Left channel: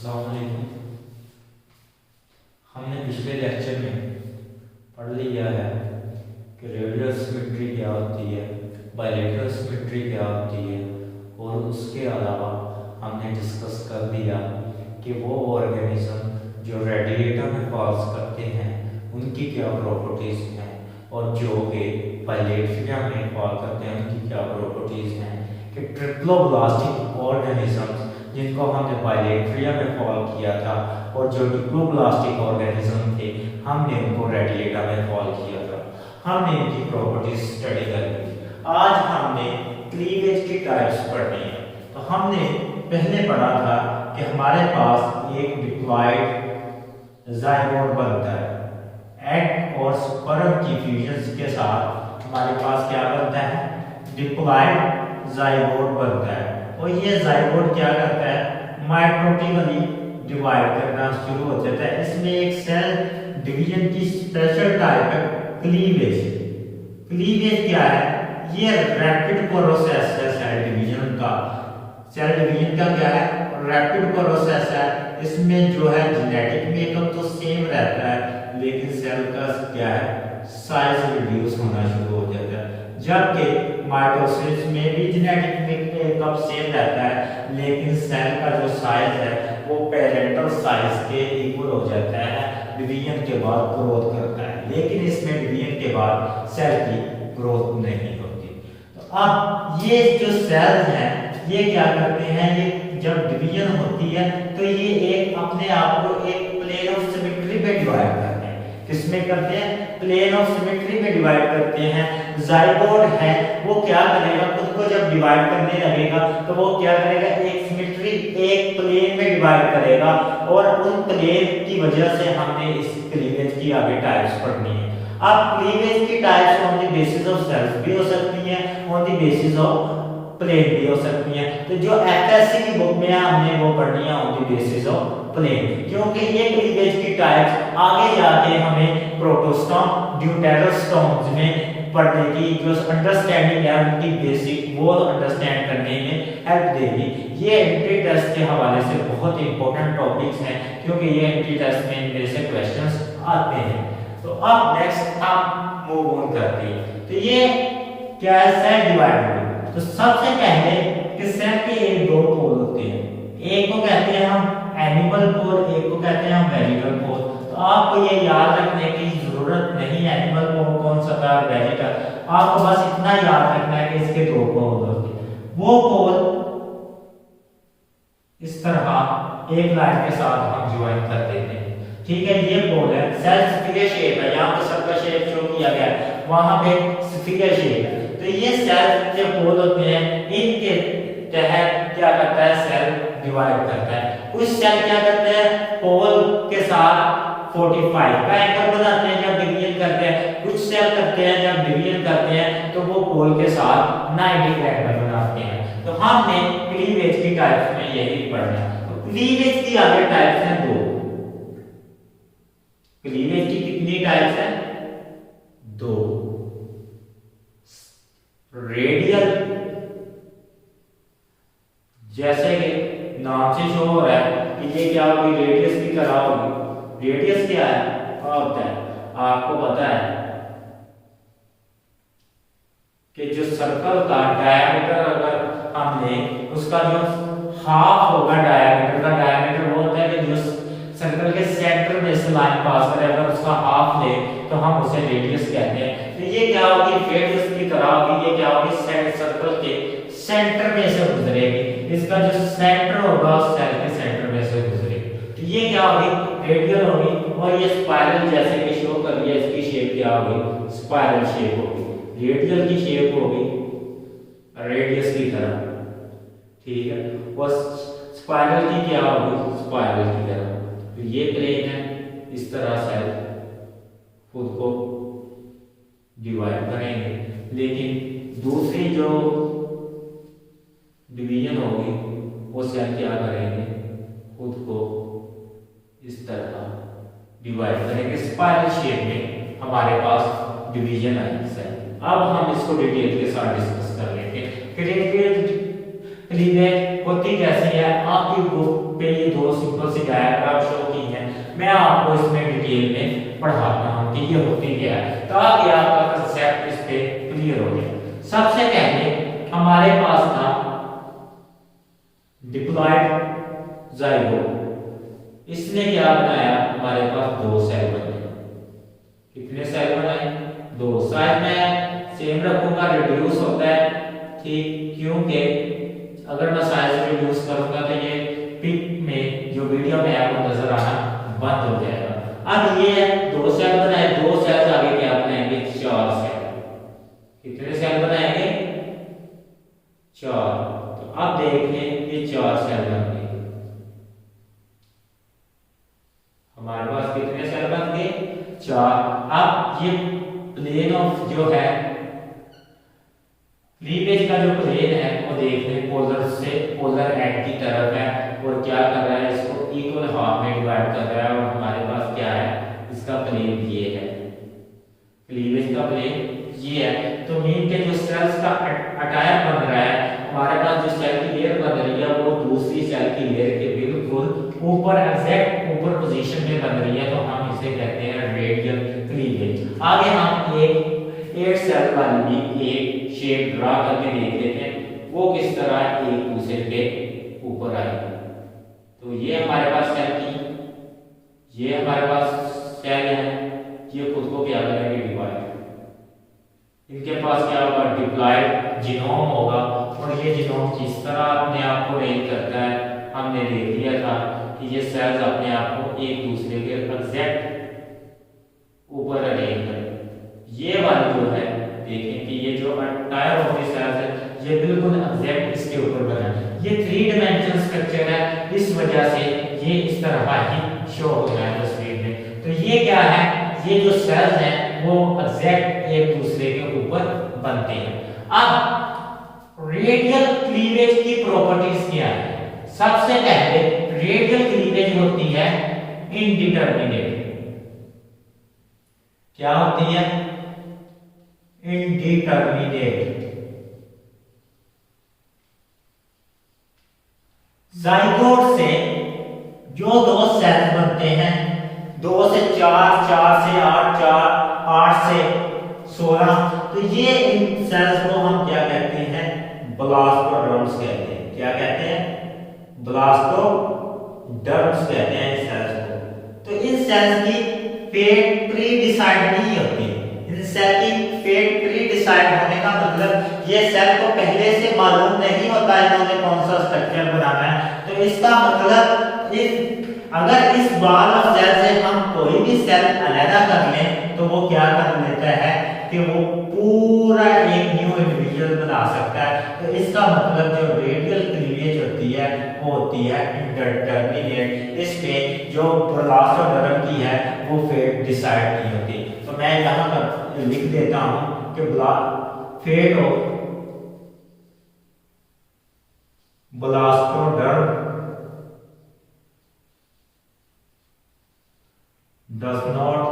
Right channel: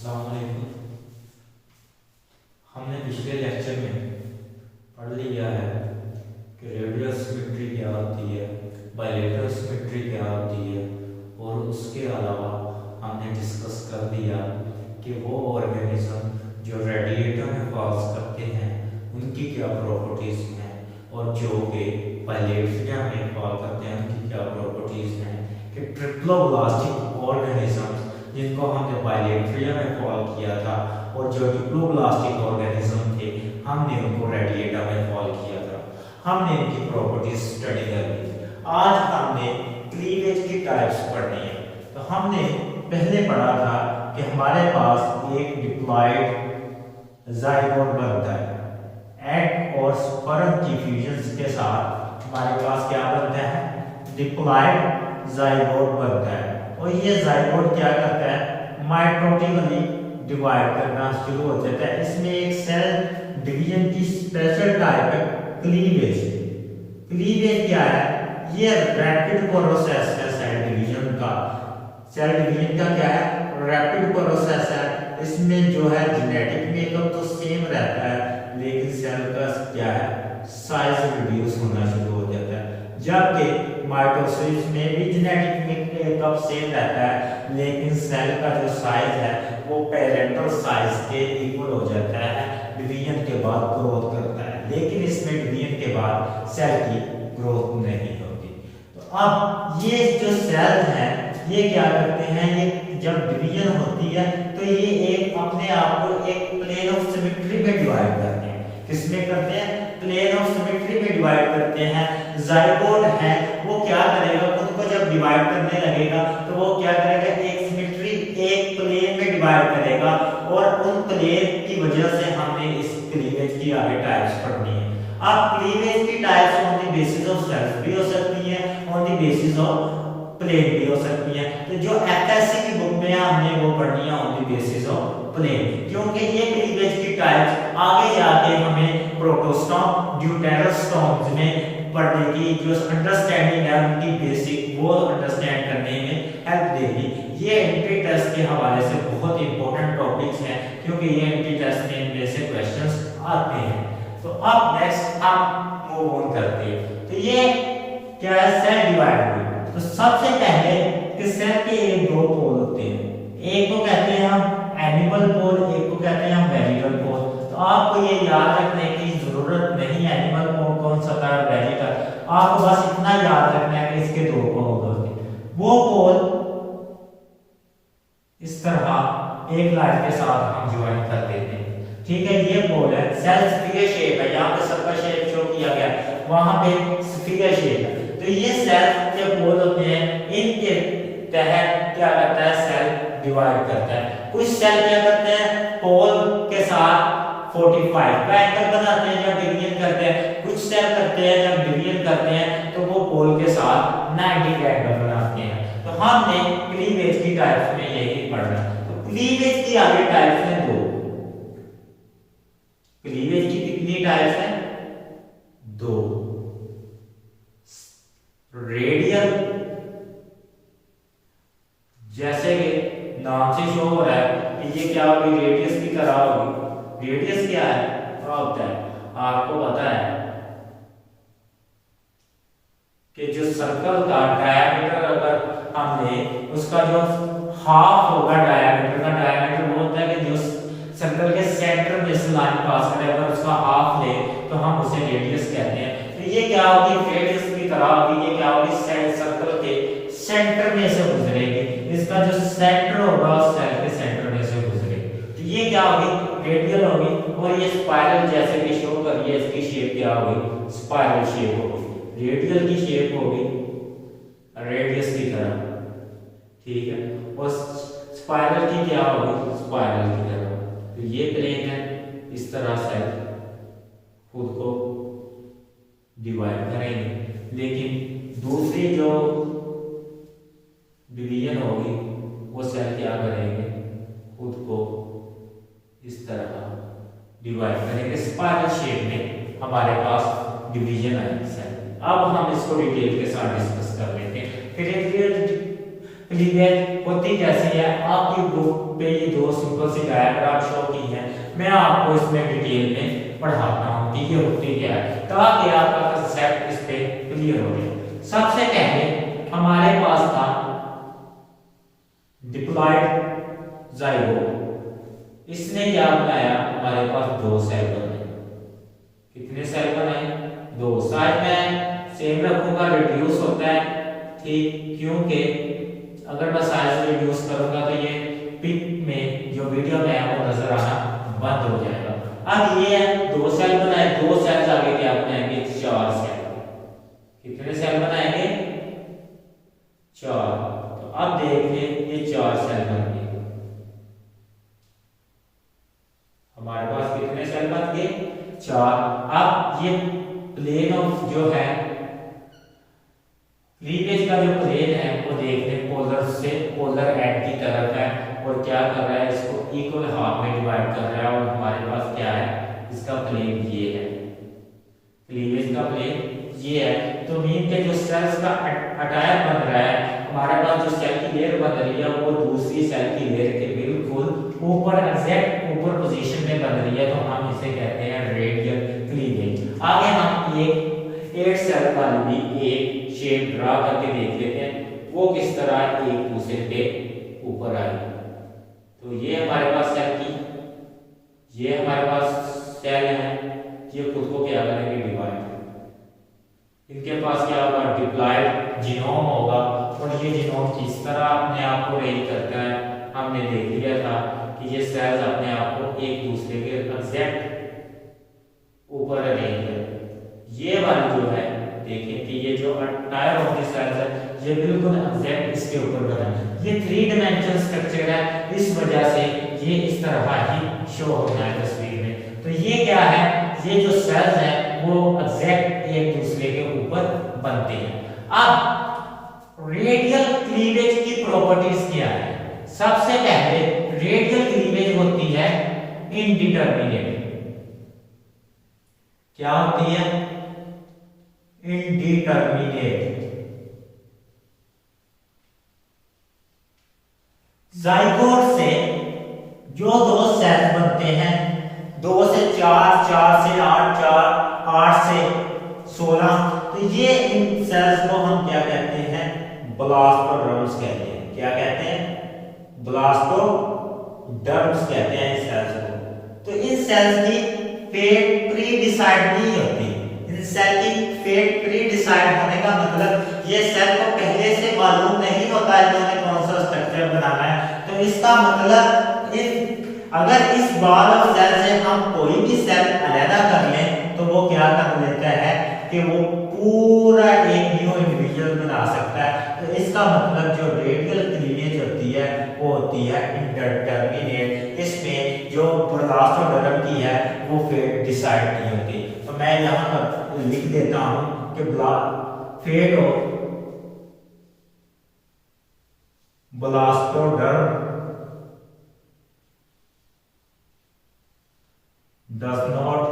अस्सलाम वालेकुम। हमने पिछले लेक्चर में पढ़ लिया है कि रेडियल सिमेट्री क्या होती है, बायलेटरल सिमेट्री क्या होती है, और उसके अलावा हमने डिस्कस कर लिया कि वो ऑर्गेनिज्म जो रेडिएटर में फॉल्स करते हैं उनकी क्या प्रॉपर्टीज़ हैं, और जो कि बायलेटरिया में फॉल करते हैं उनकी क्या प्रॉपर्टीज़ हैं। कि ट्रिप्लोब्लास्टिक ऑर्गेनिजम्स जिनको हमने बायलेटरिया में फॉल किया था और जो डिप्लोब्लास्टिक ऑर्गेनिज्म थे हमने उनको रेडिएटा में फॉल किया था, हमने इनकी प्रॉपर्टीज स्टडी कर ली। आज हमने क्लीवेज की टाइप्स पढ़नी है। तो हमने पहले पढ़ा था कि हमारे पास एक डिप्लॉयड जाइगोट बनता है, एग और स्पर्म की फ्यूजन के साथ हमारे पास क्या बनता है, डिप्लॉयड जाइगोट बनता है। और ये जाइगोट क्या करता है, माइटोटिकली डिवाइड करना शुरू हो जाता है। इसमें एक सेल डिवीजन की स्पेशल टाइप है क्लीवेज। क्लीवेज क्या है, ये रैपिड प्रोसेस है सेल डिवीजन का। सेल डिवीजन का क्या है, रैपिड प्रोसेस है। इसमें जो है जेनेटिक मेकअप तो सेम रहता है, लेकिन सेल का क्या है, साइज रिड्यूस होना शुरू हो जाता है। जबकि माइटोसिस में भी जेनेटिक मेकअप सेम रहता है, लेकिन सेल का जो साइज है वो पेरेंटल साइज के इक्वल हो जाता है। डिवीजन के बाद ग्रोथ करता है, लेकिन इसमें डिवीजन के बाद सेल की ग्रोथ नहीं होती। तो अब ये जो सेल्स हैं ये क्या करते हैं, ये जब डिवीजन होती है तो ये एक अपने आप को एक प्लेन ऑफ सिमेट्री में डिवाइड करते हैं। किसमें करते हैं, प्लेन ऑफ सिमेट्री में डिवाइड करते हैं। जाइगोट है वो क्या करेगा, खुद को जब डिवाइड करने लगेगा तो वो क्या करेगा, एक सिमेट्री एक प्लेन में डिवाइड करेगा, और उन प्लेन की वजह से हमने इस क्लीवेज की आगे टाइप्स पढ़नी है। अब क्लीवेज की types on the basis of cells भी हो सकती हैं, on the basis of plane भी हो सकती हैं। तो जो एफएससी की बुक में हमने वो पढ़नी है on the basis of plane, क्योंकि ये क्लीवेज की टाइप्स आगे जाके हमें प्रोटोस्टॉम ड्यूटेरोस्टॉम्स में पढ़ने की जो अंडरस्टैंडिंग है उनकी बेसिक वो अंडरस्टैंड करने में हेल्प देगी। ये एंट्री टेस्ट के हवाले से बहुत इंपॉर्टेंट टॉपिक्स हैं, क्योंकि ये एंट्री टेस्ट में इनमें से क्वेश्चंस आते हैं। तो अब नेक्स्ट हम मूव ऑन करते हैं। तो ये क्या है, सेल डिवाइड। तो सबसे पहले कि सेल के ये दो पोल होते हैं, एक को कहते हैं हम एनिमल पोल, एक को कहते हैं हम वेजिटल पोल। तो आपको ये याद रखने की जरूरत नहीं है एनिमल पोल कौन सा था, वेजिटल। आपको बस इतना याद रखना है कि इसके दो पोल होते हैं। वो पोल इस तरह एक लाइन के साथ हम ज्वाइन कर देते हैं, ठीक है। ये पोल है, सेल स्फीयर शेप है, यहाँ पे सर्कल शेप शो किया गया है, वहां पे स्फीयर शेप है। तो ये सेल के पोल होते हैं, इनके तहत क्या करता है, सेल डिवाइड करता है। कुछ सेल क्या करते हैं, पोल के साथ 45 का एंगल बनाते हैं जब डिवीजन करते हैं। कुछ सेल करते हैं जब डिवीजन करते हैं तो वो पोल के साथ 90 का एंगल बनाते हैं। तो हमने क्लीवेज की टाइप्स में यही पढ़ना। तो क्लीवेज की आगे टाइप्स हैं दो। क्लीवेज की कितनी टाइप्स हैं, दो। रेडियल, जैसे कि नाम से शो हो रहा है कि ये क्या होगी, रेडियस की तरह होगी। रेडियस क्या है, क्या होता है, आपको पता है कि जो सर्कल का डायमीटर अगर हमने उसका जो हाफ होगा डायमीटर का, डायमीटर वो होता है कि जो सर्कल के सेंटर में से लाइन पास करे, अगर उसका हाफ ले तो हम उसे रेडियस कहते हैं। तो ये क्या होगी, रेडियस की तरह होगी। ये क्या होगी, सर्कल के सेंटर में से गुजरेगी। इसका जो सेंटर होगा उस सेल के सेंटर में से गुजरेगी। तो ये क्या होगी, रेडियल होगी। और ये स्पाइरल जैसे कि शो कर लिया, इसकी शेप क्या होगी, स्पाइरल शेप होगी। रेडियल की शेप होगी रेडियस की तरह, ठीक है। और स्पाइरल की क्या होगी, स्पाइरल की तरह। तो ये प्लेन है, इस तरह सेल खुद को डिवाइड करेंगे। लेकिन दूसरी जो डिवीजन होगी वो सेल क्या करेंगे, खुद को इस तरह डिवाइड करेंगे। स्पाइरल शेप में हमारे पास डिवीजन है सेल। अब हम इसको डिटेल के साथ डिस्कस कर लेते हैं। क्लीवेज होती कैसी है, आपकी बुक पे ये दो सिंपल सी डायग्राम शो की है, मैं आपको इसमें डिटेल में पढ़ाता हूँ कि ये होती क्या है, ताकि आपका कंसेप्ट इस पे क्लियर हो जाए। सबसे पहले हमारे पास था डिप्लॉयड जाइगोट, इसने क्या बनाया, हमारे पास दो सेल बने। कितने सेल बनाए, दो। साइज में सेम रखूंगा, रिड्यूस होता है, ठीक, क्योंकि अगर मैं साइज रिड्यूस करूंगा तो ये पिक में जो वीडियो में आपको नजर आना बंद हो जाएगा। अब ये है दो सेल बनाए, दो सेल्स आगे क्या बनाएंगे, चार सेल। कितने सेल बनाएंगे, चार। तो अब देखिए ये चार सेल बन गए, हमारे पास कितने सेल बन गए, चार। अब ये प्लेन ऑफ जो है क्लीवेज का जो प्लेन है वो देखने पोलर से पोलर एंड की तरफ है, और क्या कर रहा है, इसको इक्वल हाफ में डिवाइड कर रहा है, और हमारे पास क्या है, इसका प्लेन ये है, क्लीवेज का प्लेन ये है। तो मीन के जो सेल्स का अटायर बन रहा है, हमारे पास जो सेल की लेयर बन रही है वो दूसरी सेल की लेयर के बिल्कुल ऊपर, एग्जैक्ट ऊपर पोजीशन में बन रही है, तो हम इसे कहते हैं रेडियल क्लीवेज। आगे हम एक 8 सेल वाली भी एक शेप ड्रा करके देख लेते हैं, वो किस तरह एक दूसरे पे ऊपर आएगी। तो ये हमारे पास सेल की, ये हमारे पास सेल है, ये खुद को क्या करेंगे, डिवाइड। इनके पास क्या होगा, डिप्लॉयड जीनोम होगा, और ये जीनोम किस तरह अपने आप को अरेंज करता है, हमने देख लिया था कि ये सेल्स अपने आप को एक दूसरे के एग्जैक्ट ऊपर अरेंज करते। ये वाली जो है देखें कि ये जो अटायर ऑफ द सेल्स है ये बिल्कुल एग्जैक्ट इसके ऊपर बना है, ये 3 डायमेंशन स्ट्रक्चर है, इस वजह से ये इस तरह ही शो होता है तस्वीर में। तो ये क्या है, ये जो सेल्स हैं वो एग्जैक्ट एक दूसरे के ऊपर बनते हैं। अब रेडियल क्लीवेज की प्रॉपर्टीज क्या है, सबसे पहले रेडियल क्लीवेज होती है इनडिटरमिनेट। क्या होती है, इनडिटरमिनेट। जाइगोट से जो दो सेल्स बनते हैं, 2 से 4, 4 से 8, 8 से 16, तो ये इन सेल्स को हम क्या कहते हैं, ब्लास्टोडर्म्स कहते हैं। क्या कहते हैं, ब्लास्टोडर्म्स कहते हैं इन सेल्स को। तो इन सेल्स की फेट प्री डिसाइड नहीं होती। इन सेल की फेट प्री डिसाइड होने का मतलब ये सेल को पहले से मालूम नहीं होता इन्होंने कौन सा स्ट्रक्चर बनाना है। तो इसका मतलब अगर इस बॉल ऑफ सेल से हम कोई भी सेल अलग कर लें तो वो क्या कर लेता है कि वो पूरा एक न्यू इंडिविजुअल बना सकता है। तो इसका मतलब जो रेडियल क्लीवेज होती है वो होती है इंडिटरमिनेट। इसमें जो ब्लास्टोडर्म की है वो फेट डिसाइड नहीं होती। तो मैं यहाँ पर लिख देता हूँ कि fate of blastoderm does not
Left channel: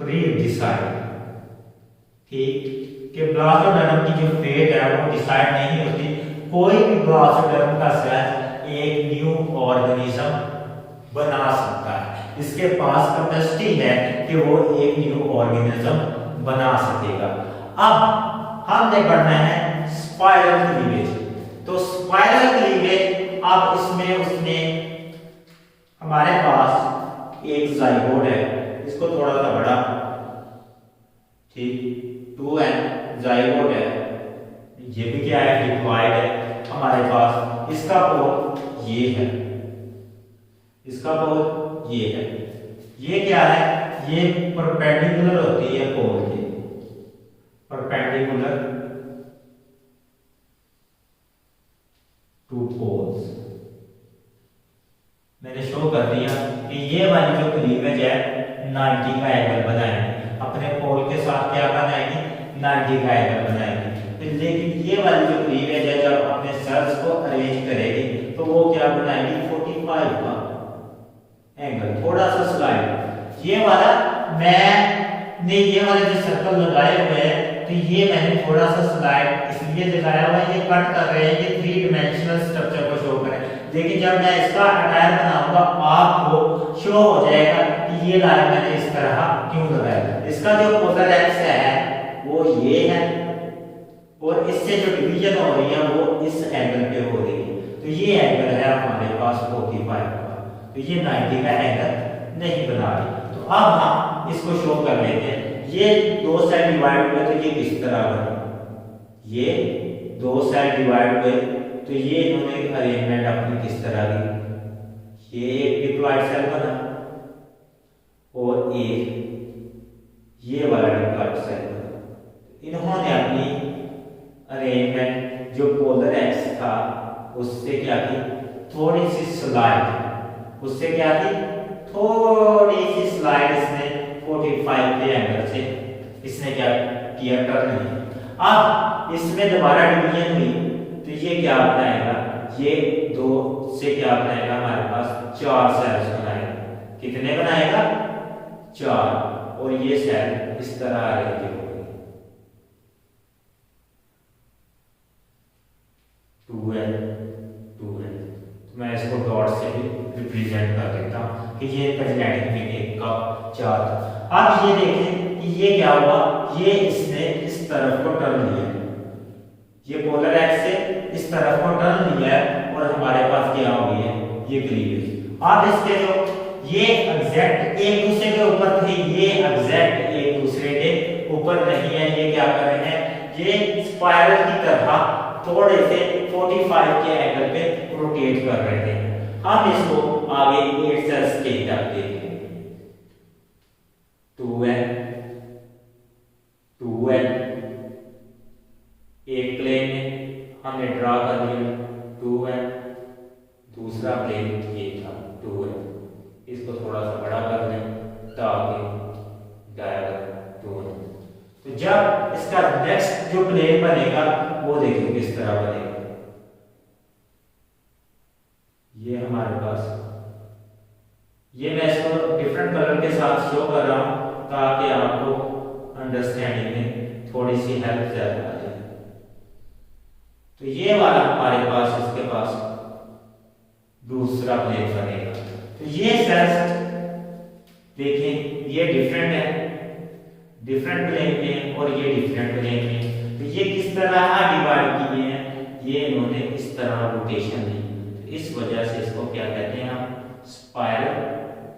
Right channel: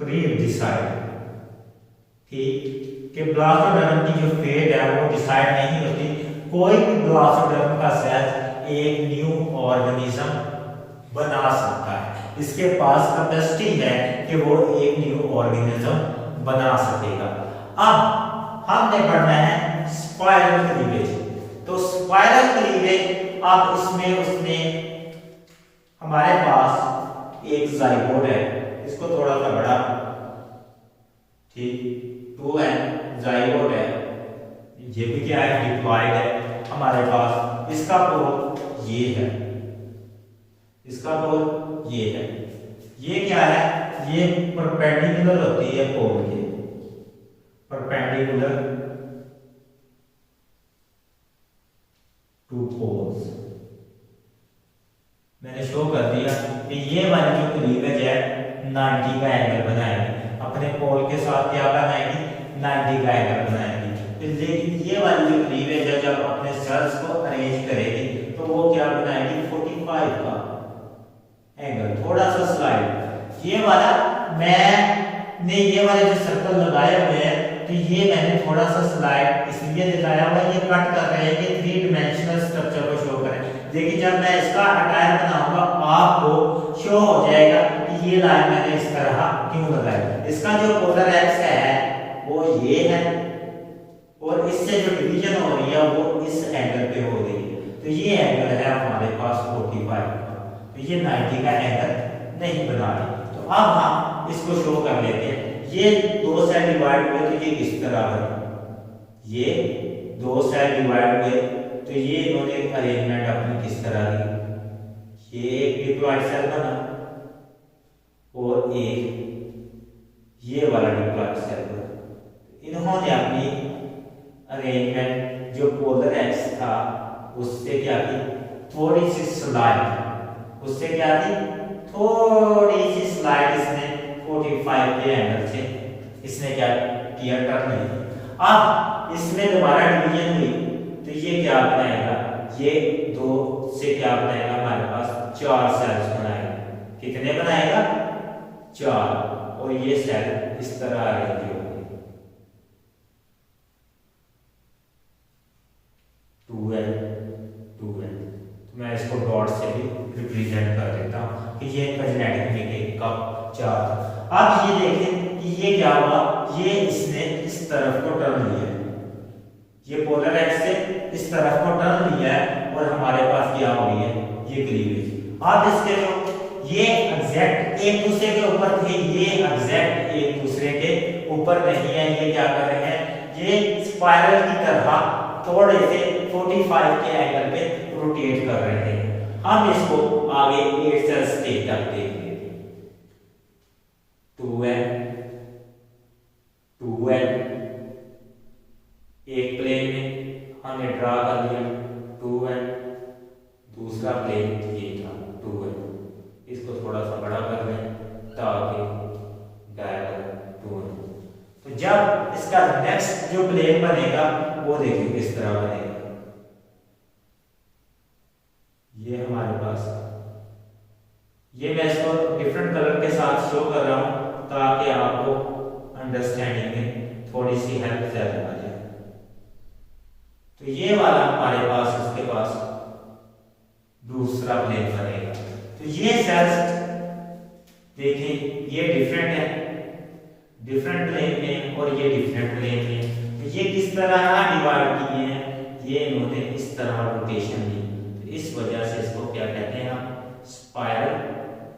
pre-decide। ठीक, कि ब्लास्टोडर्म की जो फेट है वो डिसाइड नहीं होती। कोई भी ब्लास्टोडर्म का सेल एक न्यू ऑर्गेनिज्म बना सकता है, इसके पास कैपेसिटी है कि वो एक न्यू ऑर्गेनिज्म बना सकेगा। अब हमने पढ़ना है स्पाइरल क्लीवेज। तो स्पाइरल क्लीवेज, अब इसमें उसने हमारे पास एक जाइगोट है, इसको थोड़ा सा बड़ा, ठीक, 2n जाइगोट है, ये भी क्या है, डिप्लॉयड है हमारे पास। इसका पोल ये है, इसका पोल ये है। ये क्या है, ये परपेंडिकुलर होती है पोल के, परपेंडिकुलर टू पोल्स। मैंने शो कर दिया कि ये वाली जो क्लीवेज है 90 का एंगल बनाएगी, अपने पोल के साथ क्या बनाएगी, 90 का एंगल बनाएगी। लेकिन ये वाली जो क्लीवेज है जब अपने सेल्स को अरेंज करेगी तो वो क्या बनाएगी, 45 का एंगल। थोड़ा सा स्लाइड, ये वाला मैंने ये वाले जो सर्कल लगाए हुए हैं तो ये मैंने थोड़ा सा स्लाइड इसलिए ये दिखाया हुआ है, ये कट कर रहे हैं, ये 3 डायमेंशनल स्ट्रक्चर को शो कर रहे हैं। लेकिन जब मैं इसका अटायर बनाऊंगा आपको शो हो जाएगा कि ये लाइन मैंने इस तरह क्यों लगाया। इसका जो पोलर एक्स है वो ये है और इससे जो डिवीजन हो रही है वो इस एंगल पे हो रही है। तो ये एंगल है हमारे पास 45 का, तो ये 90 का एंगल नहीं बना रही। तो अब हम इसको शो कर लेते हैं। ये दो साइड डिवाइड हुए तो ये किस तरह बना, ये दो साइड डिवाइड हुए तो ये इन्होंने अरेंजमेंट अपनी किस तरह की, ये एक डिप्लॉइड सेल बना और एक ये वाला डिप्लॉइड सेल बना। इन्होंने अपनी अरेंजमेंट जो पोलर एक्स था उससे क्या की, थोड़ी सी स्लाइड, उससे क्या की, थोड़ी सी स्लाइड इसने 45 के एंगल से इसने क्या किया, टर्न लिया। अब इसमें दोबारा डिवीजन हुई तो ये क्या बनाएगा, ये 2 से क्या बनाएगा, हमारे पास 4 सेल्स बनाएगा। कितने बनाएगा, 4, और ये सेल इस तरह अरेंज होगी, 2L 2L। तो मैं इसको डॉट से भी रिप्रेजेंट कर देता हूँ कि ये जेनेटिक मेकेनिक का 4 था। अब ये देखें कि ये क्या हुआ, ये इसने इस तरफ को टर्न लिया, ये पोलर एक्स से इस तरफ को टर्न लिया है और हमारे पास क्या हो गई है, ये क्लीवेज। अब इसके जो ये एग्जैक्ट एक दूसरे के ऊपर थे, ये एग्जैक्ट एक दूसरे के ऊपर नहीं है। ये क्या कर रहे हैं, ये स्पाइरल की तरह थोड़े से 45 के एंगल पे रोटेट कर रहे थे। हम इसको आगे 8 सेल्स के तक देखेंगे, 2N 2N एक प्लेन में हमने ड्रा कर लिया 2N, दूसरा प्लेन ये था 2N। इसको थोड़ा सा बड़ा कर लें ताकि डायग्राम 2N। तो जब इसका नेक्स्ट जो प्लेन बनेगा वो देखिए किस तरह बनेगा। ये हमारे पास, ये मैं इसको डिफरेंट कलर के साथ शो कर रहा हूं ताकि आपको अंडरस्टैंडिंग में थोड़ी सी हेल्प ज्यादा आ जाए। तो ये वाला हमारे पास, इसके पास दूसरा प्लेन बनेगा। तो ये सेल्स देखें, ये डिफरेंट है, डिफरेंट प्लेन में, और ये डिफरेंट प्लेन में। तो ये किस तरह डिवाइड किए हैं, ये इन्होंने इस तरह रोटेशन दी। तो इस वजह से इसको क्या कहते हैं हम, स्पाइरल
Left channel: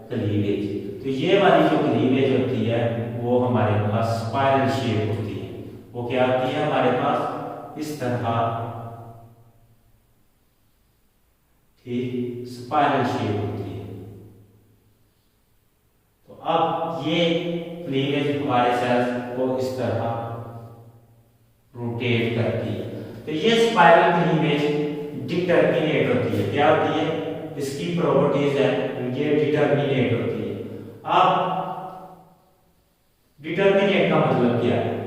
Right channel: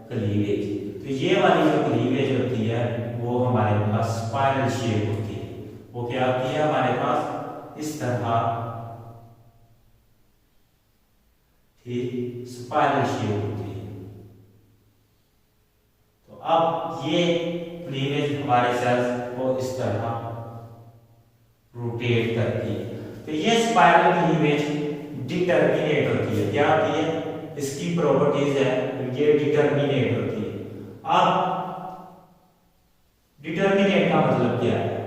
क्लीवेज। तो ये वाली जो क्लीवेज होती है वो हमारे पास स्पाइरल शेप होती है। वो क्या होती है हमारे पास इस तरह, ठीक, स्पाइरल शेप होती है। तो अब ये क्लीवेज हमारे सेल्स को इस तरह रोटेट करती है। तो ये स्पाइरल क्लीवेज डिटर्मिनेट होती है। क्या होती है, इसकी प्रॉपर्टीज है, ये डिटर्मिनेट होती है। अब डिटर्मिनेट का मतलब क्या है,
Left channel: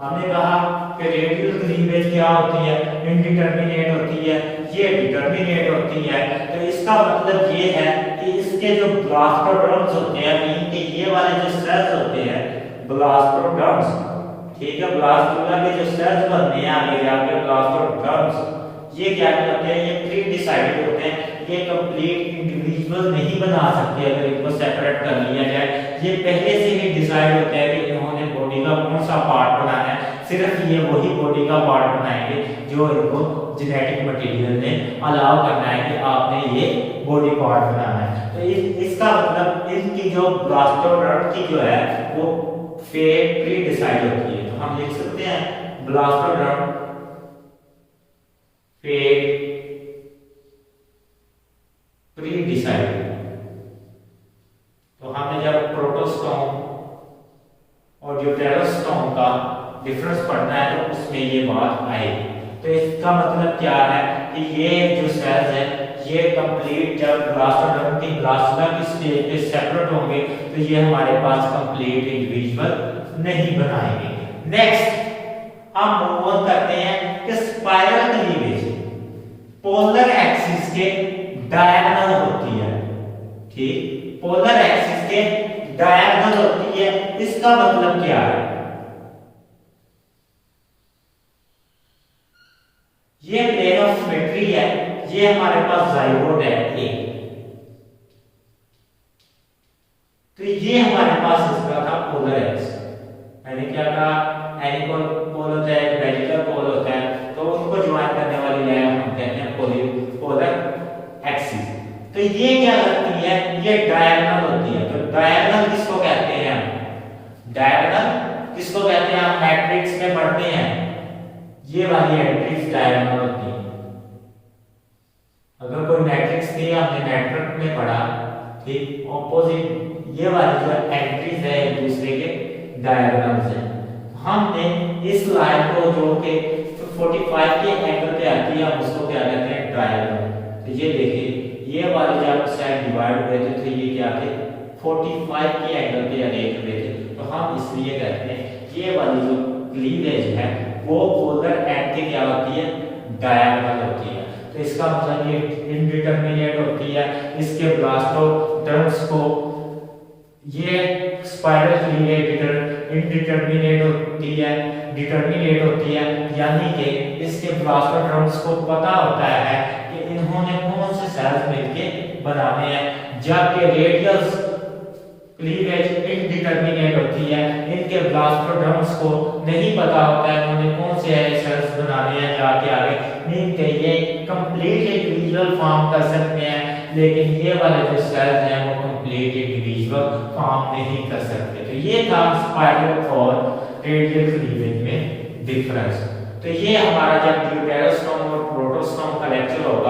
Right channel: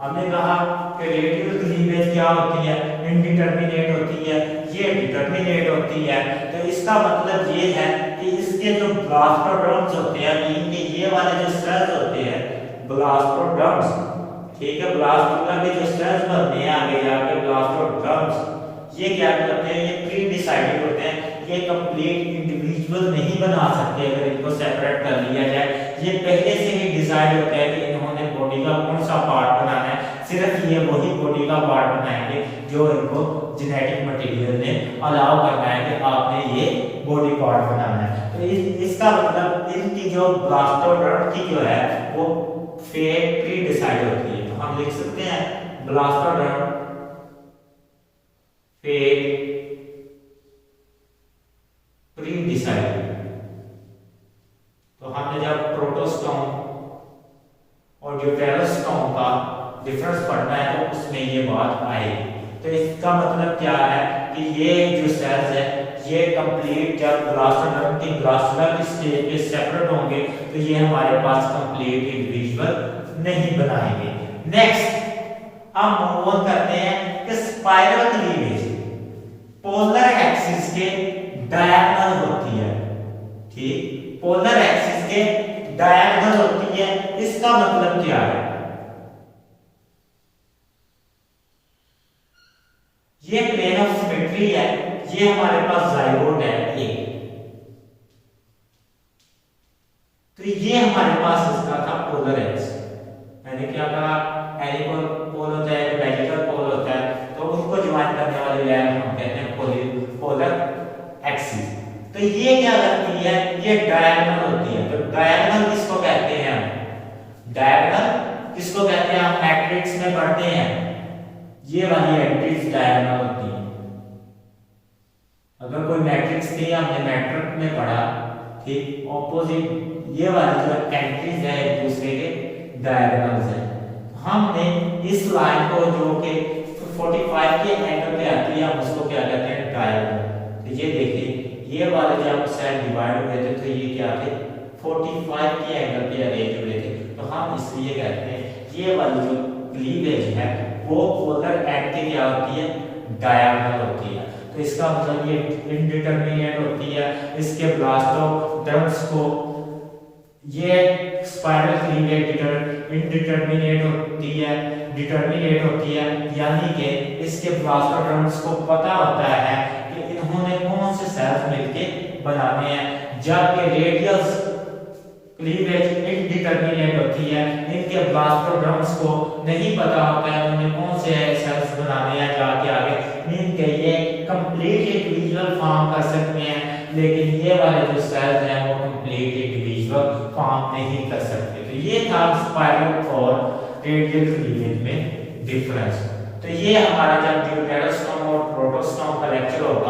हमने कहा कि रेडियल क्लीवेज क्या होती है, इनडिटर्मिनेट होती है, ये डिटर्मिनेट होती है। तो इसका मतलब ये है कि इसके जो ब्लास्टोड्रम्स होते हैं, इनके ये वाले जो सेल्स होते हैं ब्लास्टोड्रम्स, ठीक है, ब्लास्टोड्रम के जो सेल्स बनते हैं आगे जाके ब्लास्टोड्रम्स, ये क्या करते हैं, ये प्री डिसाइडेड होते हैं। ये कंप्लीट इंडिविजुअल नहीं बना सकते अगर इनको सेपरेट कर लिया जाए। ये पहले से ही डिसाइड होता है कि इन्होंने बॉडी का कौन सा पार्ट बनाना है। सिर्फ ये वही बॉडी का पार्ट बनाएंगे जो इनको जेनेटिक मटेरियल ने अलाउ करना है कि आपने ये बॉडी पार्ट बनाना है। तो इसका मतलब इनकी जो ब्लास्टोड्रम की जो है वो प्री डिसाइड होती है। तो हम लिख सकते हैं ब्लास्टोड्रम प्री डिसाइडेड। तो हमने जब प्रोटोस्टोम और ड्यूटेरोस्टोम का डिफरेंस पढ़ना है तो उसमें ये बात आएगी। तो इसका मतलब क्या है कि ये जो सेल्स है ये कंप्लीट जब ब्लास्टोड्रम की ब्लास्टोला की स्टेज पे सेपरेट होंगे तो ये हमारे पास कंप्लीट इंडिविजुअल नहीं बनाएंगे। नेक्स्ट हम मूव ऑन करते हैं कि स्पाइरल क्लीवेज पोलर एक्सिस के डायगोनल होती है, ठीक, पोलर एक्सिस के डायगोनल होती है। इसका मतलब क्या है, ये प्लेन ऑफ सिमेट्री है, ये हमारे पास जाइगोट है ए। तो ये हमारे पास इसका था पोलर एक्स। मैंने क्या कहा, एनिपोल पोल होता है, बेलिकल पोल होता है, तो उनको ज्वाइन करने वाली लाइन हम कहते हैं पोलर एक्सिस। तो ये क्या करती है, ये डायगोनल होती है। तो डायगोनल किसको कहते हैं, डायगोनल किसको कहते हैं, आप मैट्रिक्स में पढ़ते हैं, ये वाली मैट्रिक्स डायगोनल होती है। अगर कोई मैट्रिक्स थी, हमने मैट्रिक्स में पढ़ा, ठीक, ऑपोजिट ये वाली जो एंट्रीज है एक दूसरे के डायगोनल्स है। हमने इस लाइन को जो कि 45 के एंगल पे आती है, हम उसको क्या कहते हैं, ट्रायंगल। तो ये देखिए, ये वाले जब साइड डिवाइड हुए थे तो ये क्या थे, 45 के एंगल पे अरेंज हुए थे। तो हम इसलिए कहते हैं ये वाली जो क्लीवेज है वो पोलर एंड के क्या होती है, डायगोनल होती है। तो इसका मतलब ये इनडिटरमिनेट होती है। इसके ब्लास्टोड्रम्स को ये स्पाइरल क्लीवेज इनडिटरमिनेट होती है, डिटरमिनेट होती है, यानी कि इसके ब्लास्टोड्रम्स को पता होता है कि इन्होंने कौन से सेल्स मिलके बनाने हैं, जबकि रेडियल क्लीवेज इनडिटरमिनेट होती है, इनके ब्लास्टोड्रम्स को नहीं पता होता है उन्होंने कौन से सेल्स बनाने हैं जाके आगे, मीन के ये कंप्लीट इंडिविजुअल फॉर्म कर सकते हैं, लेकिन ये वाले जो सेल्स हैं वो कंप्लीट इंडिविजुअल फॉर्म नहीं कर सकते। तो ये था स्पाइरल और रेडियल क्लीवेज में डिफरेंस। तो ये हमारा जब ड्यूटेरोस्टोम और प्रोटोस्टोम का लेक्चर होगा